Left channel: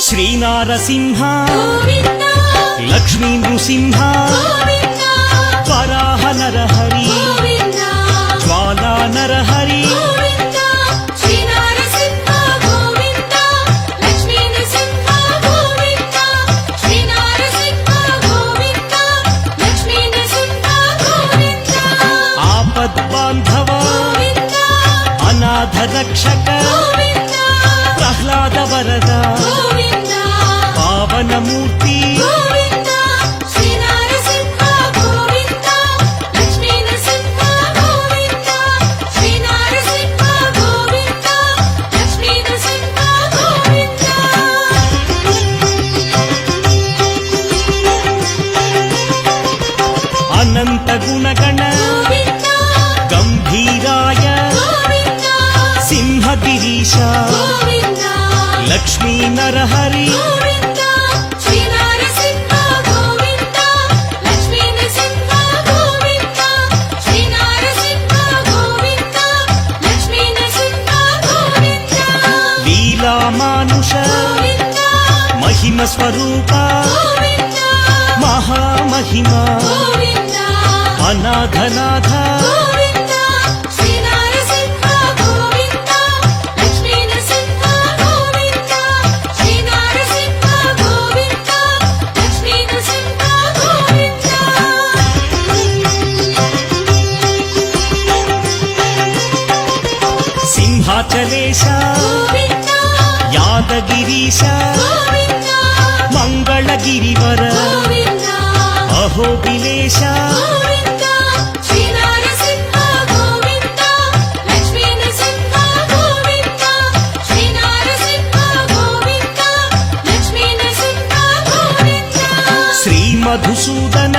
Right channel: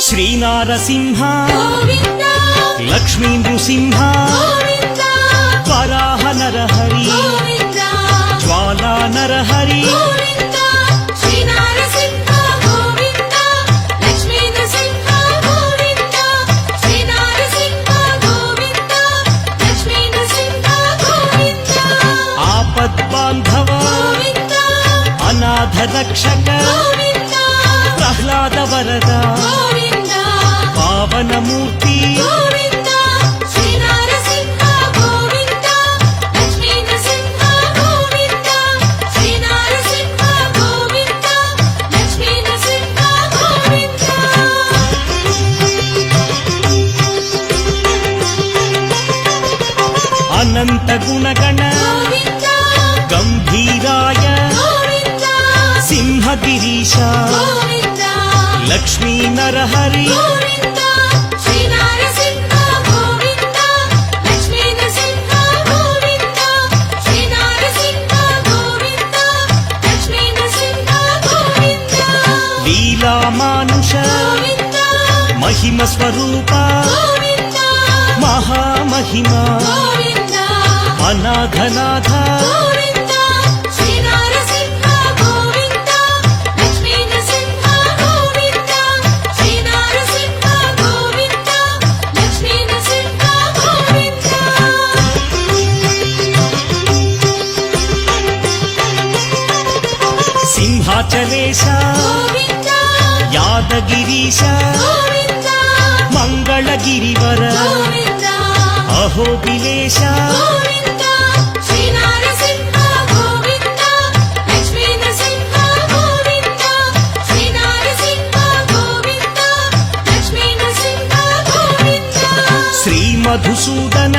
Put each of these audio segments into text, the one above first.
శ్రీనారసింహ లక్ష్మీ నృసింహ వరాహ నరహరి జ్వాలా నరహరి ఆపద్బాంధవ అనాథ రక్షక ప్రహ్లాద వరద పావనమూర్తి అనంత గుణగణ గంభీరాయ సింహగిరీశ లక్ష్మీ నరహరి లీలామానుష మహిమ స్వరూప మహామహిమ అనాథనాథ సింహాచలేశ యాదగిరీశ మంగళగిరివర అహోబిలేశ శ్రీమధుసూదన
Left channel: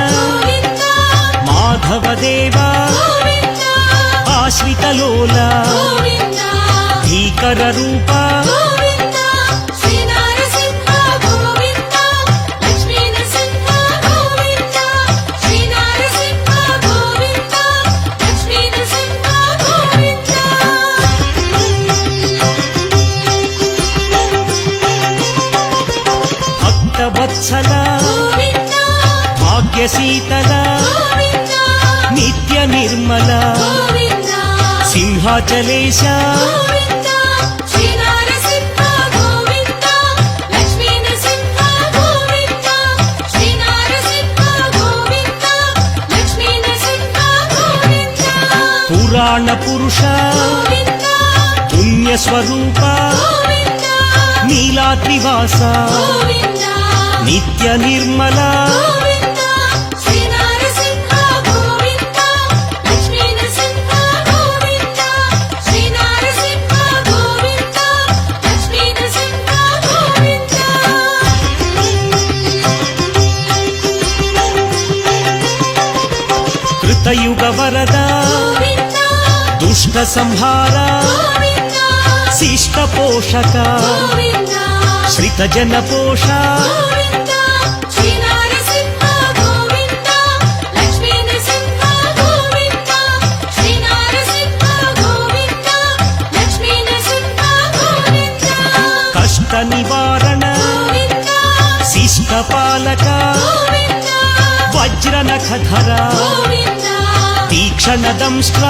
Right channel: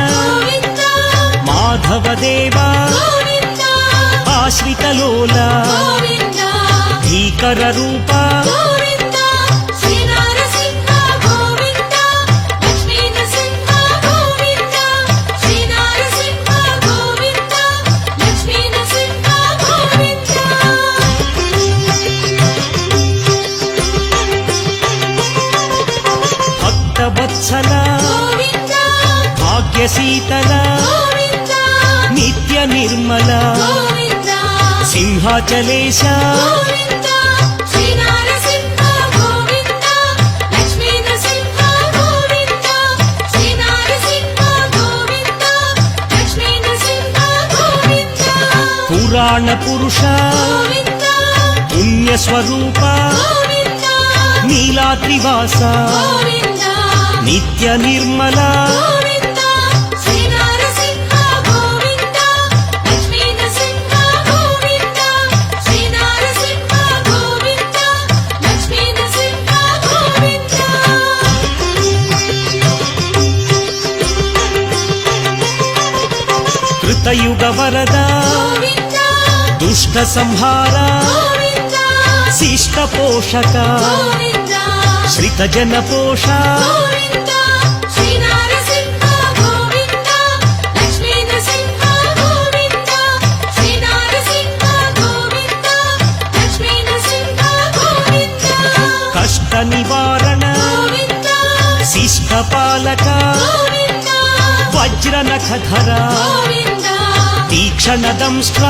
మాధవదేవ ఆశ్రితలోల భీకర రూప భక్తవత్సల భాగ్యశీతల నిత్య నిర్మల సింహాచలేశ పురాణ పురుష పుణ్యస్వరూప నీలాద్రివాస నిత్య నిర్మల కృతయుగ వరద దుష్ట సంహార శిష్ట పోషక శ్రిత జన పోష కష్ట నివారణ శిష్ట పాలక వజ్రనఖధర తీక్షణ దంష్ట్ర